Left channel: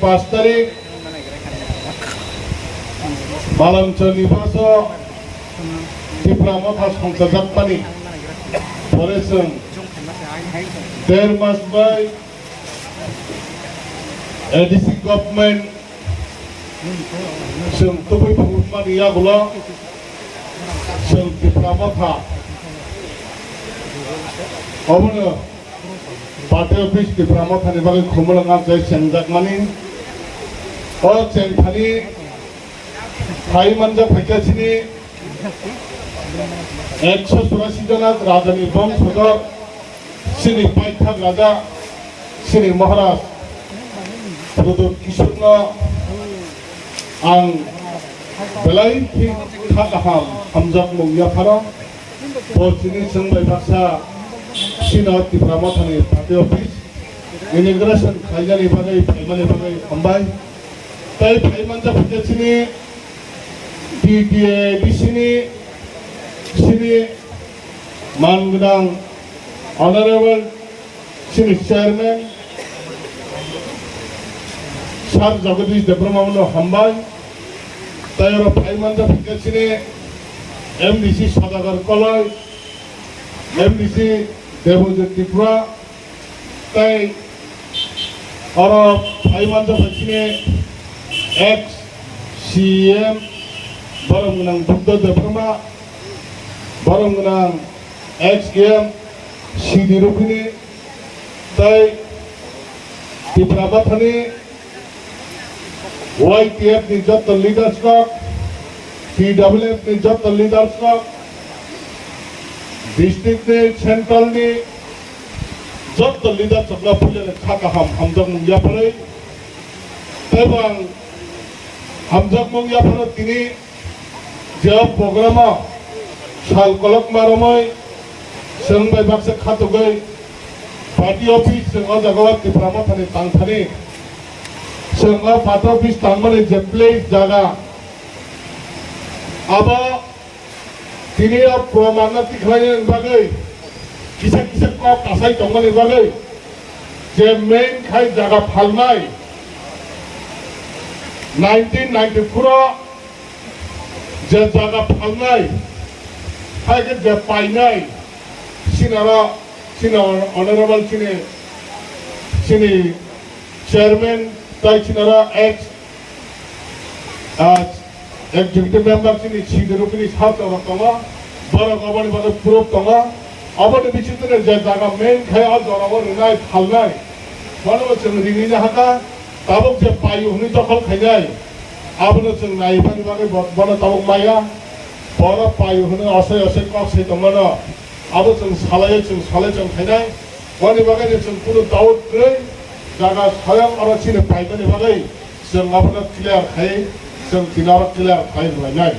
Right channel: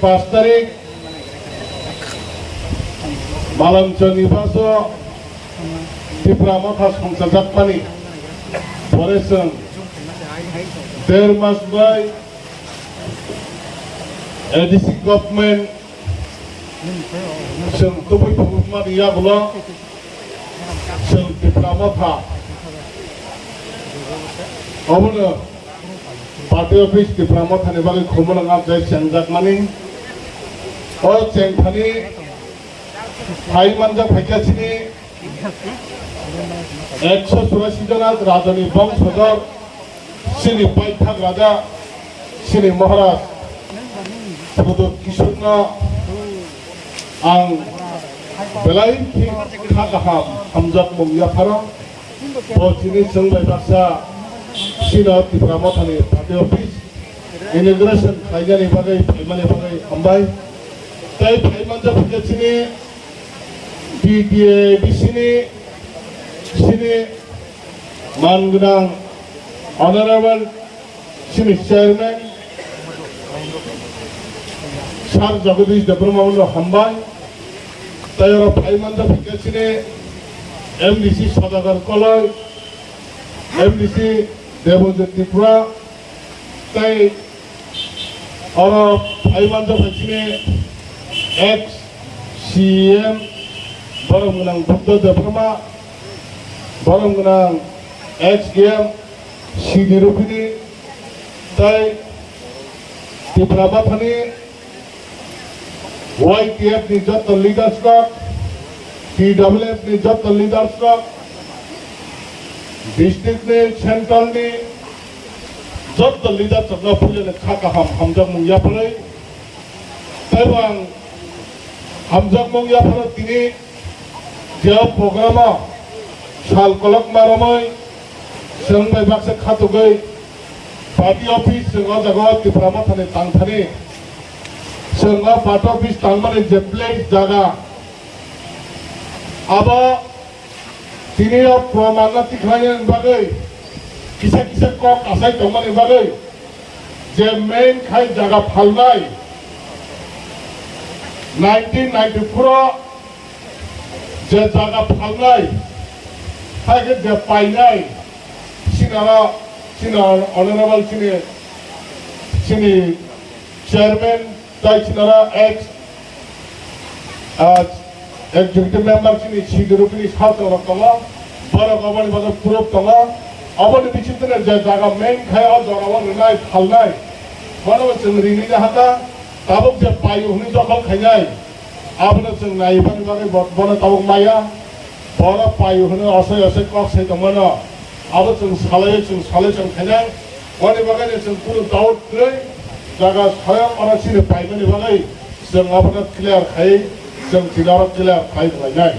5 tarik malam Jonifaso Dipramoka Songsajakpani Parisung Dermas Bay ADC government Sung Tupi Pahumar Yabulong Sung Dipramoka Obana Party office Dipramoka Nebali Kumulanga Jai Sangjakmani O Chengpani Hai Manja Phekasini 184 जना राजानि वंशधर श्री बैठक राजा Shri Maharaj Putu Kisuna ang belain ki kakaham Hamzat Mungyapara o sini sengbay baksa sino di Pramothani party office immigration kaijani bagay ambay tay Manja Phekasini di sini Mangunang Honorable sini Chairman Sar Jagadish Debramamuno Hambai Tayora Manja Phekasini MDC Sadagar Palai MDC Devojit Tripura Tay Ora Manja Phekasini ex-CM Barangunang Buddha Debrama Barangunang ex-CM Sidirupini Tay di Pramothani YTF ni jotta leaders na TWF ni jotta leaders na district ni central ni jotta leaders na pulile kakaham Hamzat Mungyapara tay bang Hamzat Mungyapara tini jawab programa sal kolok maromai sengbay bakse khatugai party office senga jagawat di Pramothani tangthani senga party office tangmani je place jaga aba tini or promana tikhayen bagai kisa ko kasai tangmani bagai je main khai jaga phalnai 1994 je jaga phalnai haike je painai sinara honorable sini chairman tai sinara ex executive member sini Sidirupini Sata Rokama bara gobani bada proof tama abade bichitre je jaga main khaya jorawar rinai phalnai hono cheng rini na hata tabuk je payu huni jokhol khainai abone cheng naiban bage bana tabuk maya bara payu huni asai kok sai tamana abo cheng salai cheng khainai wani bage cheng puro daud trei jaga sayang ara sini paidani bage cheng abone clear khai cheng tinara clear khai bhai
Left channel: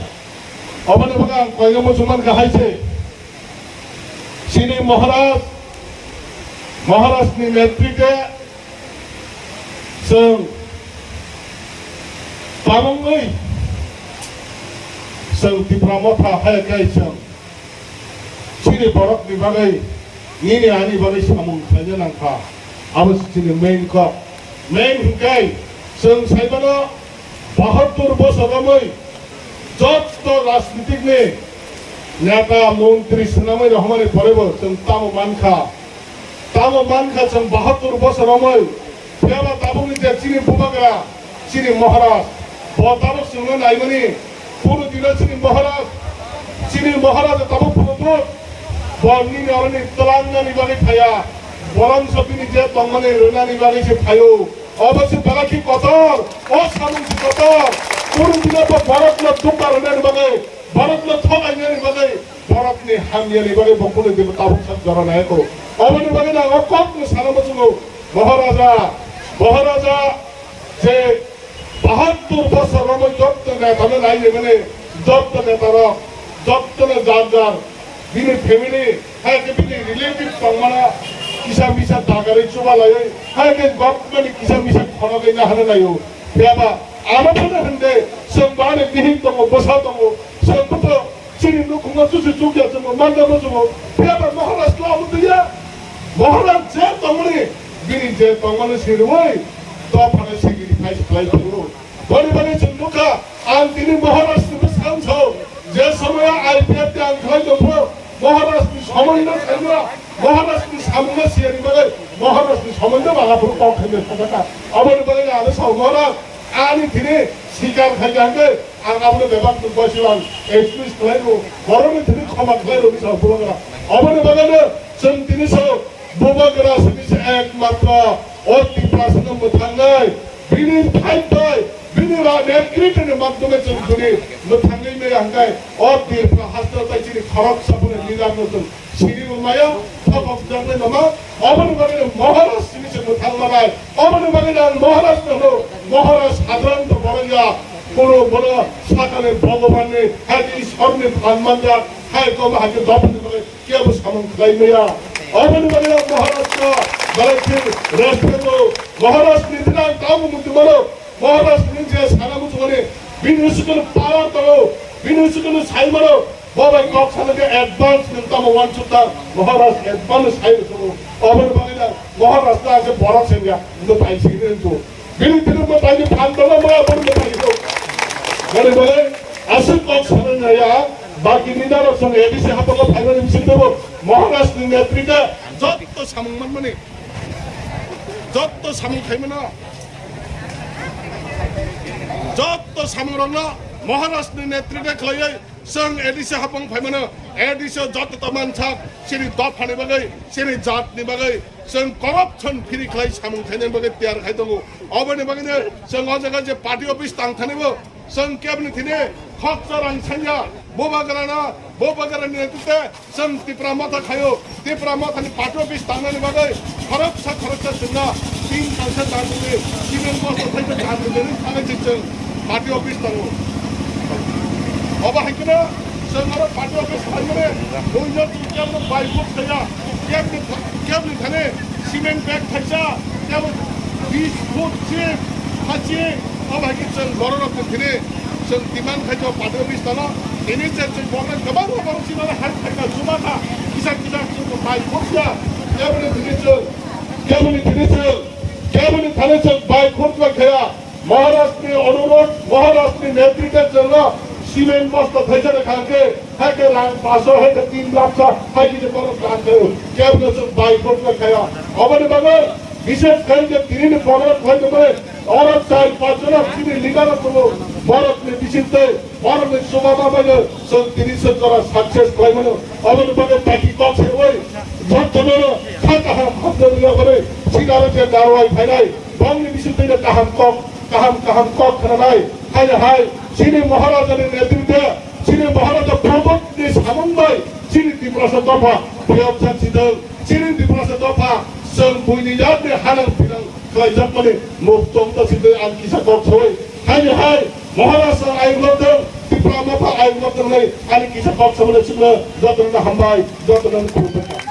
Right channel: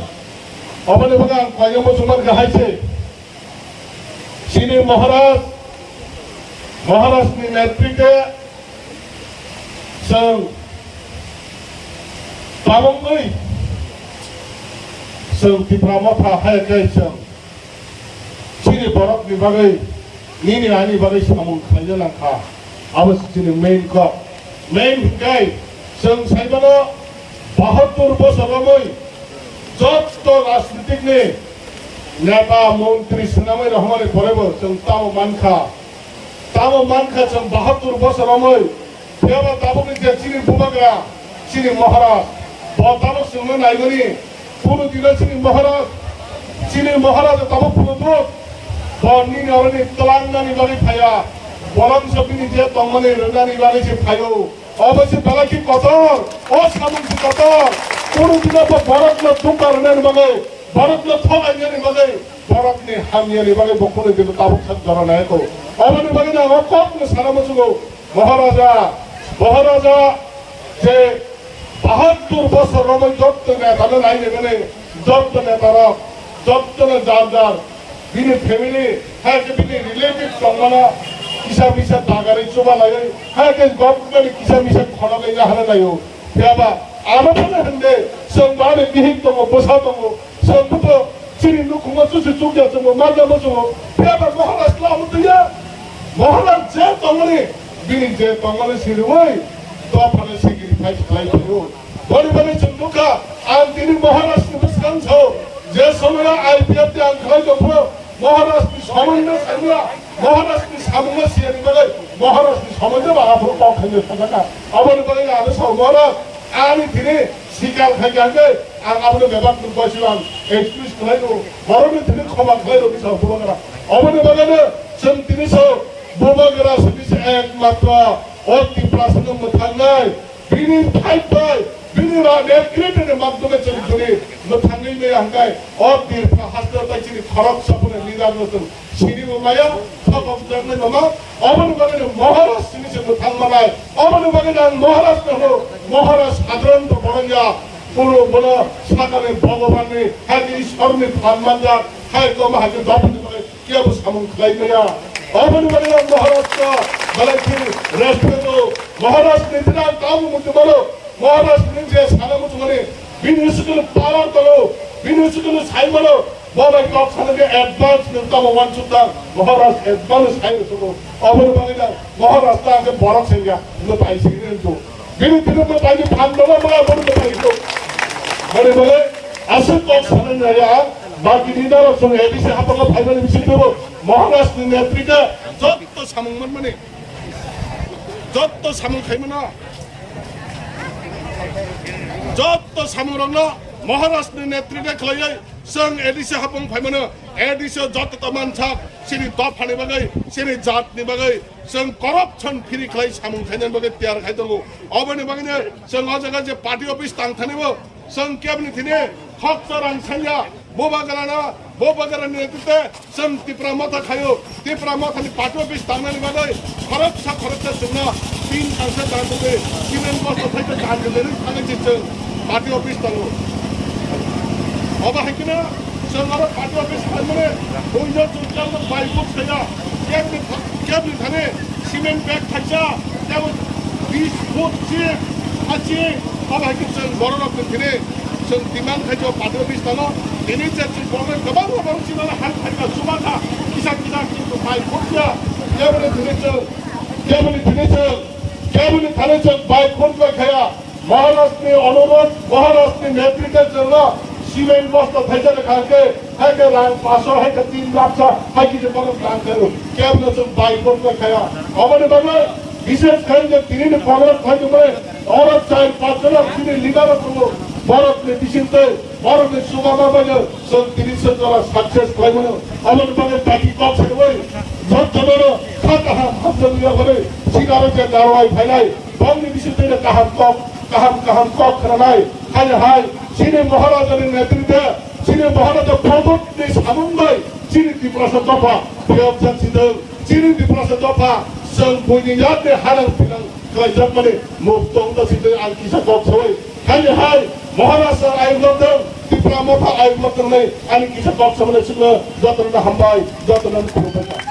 abone bage kaina musulman ka haise sini Maharaj ni नेतृत्व cheng tabongai cheng di Pramotha haike cheng sini borok ni bagai ni ani bagai samun khajanangka abos sini main hukai cheng saibana 72 বছর amai যত রাজনীতিক ne नेता मंत्री सुनामै रहमारे परेबो cheng tamo manka cheng 72 বছর amai Phewa ताबुनि जे चिनि बुबाग्रा चिनि महाराज बताबो सुनो नाइबनि पुरु दिला चिनि महाराज ताबो पुरु बनि नरनि तलांगनि बानि फाया बरम सपिनि जे तमने रनानि बानि जे फायो अवश्य बाकी कतर ओ सामुन कतर पुरु दिला तो भारत न दुकार ननि बगे भारत न थलाइ ननि बगे भारत नि हामियानि बगे बखुनि दिला ताबो सब जरा नायको अबनि बगे ना अकप न सानामसुगो महाराजा जे 72 বছর রমে যত নেতা নাই মানে যত নেতারা যত না যার বিনি ফ্যামিলি হাকে বিনি রিলেটিভ সম্মানা কিসা মিসা দাগারি চোবালাই হাকে গভর্নমেন্ট কিসা মিসা খনালাই না হানা নাইও ফেবা আরো মানে হন্দে সংবারে বিহিত তম বসা তম সবুত চিনি নুকুমা চুচু চুকিয়া তম মাজা বসো ফেবা মহারাজ লাউ দিয়া মহারাজ যে তমনে বিনি যে তমনে সিরমই তো ফানে সেগিরি যে সময় IPF তে আংখাই দফ মহারাষ্ট্র সমন্বয় সাইরা মহারাষ্ট্র সামনে সিয়ারি বাগাই মহারাষ্ট্র সমন্বয় বাগাফুর পাঠাইলে থাকা আবার বাগাই আলো সাউমারা আমি দিনে শিকার খাই গাঙ্গে আর আমাদের ব্যাপার বসিবান এক্সপ্রেস খাইলো বড়নি দিনে ক্ষমা খাইলো বিশাল বুবাগরা আবার বাগানে जों তিনিশো বুবাগরা সুবিসে একমাত্র অতি প্রাসনম থাঙ্গাই বিনি ফাইটাই বিনি নেটগ্রিটের মাধ্যমে চলি থাঙ্গাই মে হাঙ্গাই অতি হাসপাতাল চিনি খরব সাপনে লিদার নতুন সিনি মায়া খবর জানলে নমা আবার বাগানে মহারাষ্ট্র সুবিসে থাঙ্গাই আবার বাগানে মহারাষ্ট্র হলো মহারাষ্ট্র সাধারণত বরঙ্গা পুরো বড় সাকালে ভগবানে হাইতে ঈশ্বরের সম্মানদার হাই কম হাইতে দপনে করে কেউ সামন খাইবেয়া অবন বাগিনা মহারাষ্ট্র বলেছে রেসপেক্ট মহারাষ্ট্র নিদিনা তাও মুক্তি মারো মহারাষ্ট্র নিজে সারা মুক্তি মানে বিনিয়োগের পাওয়ার করো বিনিয়োগের সাই মারো বাবাই কক সানকে অ্যাডভান্স নতাম ওয়ান চুতা মহারাষ্ট্র অ্যাডভান্স সাই করো অবন বাগিনা মহারাষ্ট্র আগে বড় সেগা নো পাইছে কিন্তু বিনিয়োগের পাইনি ফান্ড করো অবন বাগিনা বলে বলে আসল কক সানয়া বাকি নিদার সঙ্গে এবিসি হাপলা ফাইনাল বিসিক দেব মহারাষ্ট্র নেতৃত্বে যত সামংমান মানে যত সামং খাইমনা যত সামরং মহারাষ্ট্র নেতৃত্বে খালাই जों एडिसि हापं फाइमानो एडिसि जत तमान साक सिरि दप फानि बागै सिरि जातनि बागै जों करप्शन फ्रि खालाय सामं खायनाय बागै तयार खायदंगो अबनि बागैनो जों अ जायगा जे पार्टी अफिस थांथानैबो जों केबिनेट थिने खक्सारां सान्या बोबागारानि नेतृत्वे जों त्रिपुरा माथा खायो त्रिपुरा माथानि पार्टी अफिस थांनानै बागै खरप्सा जोंना तीन कांसे दानदोंलै सिमेन्ट बस्ता थाइसे दानदोंलै थांनायसै जों पार्टी अफिस थाङो अब हाइकिना जों आरो पार्टी अफिस फाइमाने बयनो जों केबल बाइकबो थाया केबल थाने सिमेन्ट बेग थाइसा केबल 20 फुट चिप हाची अब हाइकिन जों बर' रखन थिने जों डिमान्ड खाइजो पार्टी अफिस थाङो दिनै जे जों बर'नो गोबां सिमाना हाल थाइना जुमाखा किसान जों बाइकबो थिया केबल थिने जों बाइकबो थाया महाराष्ट्र अनुरोध महाराष्ट्र नेतृत्व जों सीमेंट बस्ता फैजर खाके हाइके रांग पासो हाइके 3 लाख सा हाइके जे परत काम करो केबल जों बाइकबो खाया अबनि बाबा विशेष गरी जे तिरिन परत खन्द में औरत चाइ पाचरा तिनि लिगार को भारत ने दिसिते भारत ने सुगामा बायो जों तिरिसे जरा सक्सेस भइनो अबनि बाबा बाकी पक्ष होइ जत जनो खाता हम जमिया गरे सिगारो जे कारवाही फैलाई बंगनि दिसिते kaham kok खनाय हाय सिनि महाराजानि नेतृत्वे सिनि महाराजा प्रबोधनि सामंबाय सिनि त्रिपुरा दफा बेयाव सिदों सिनि त्रिपुरा दफा जों बयनि यादनि हारां फिनां खालायजोबनानै मुक्तं दासिदों आं किसा कक्सय हाय महाराष्ट्र आयगलदों त्रिपुरा माथा आयगलदों नै आंनि किसा कक्सय सिङो जतन हामबाय जतन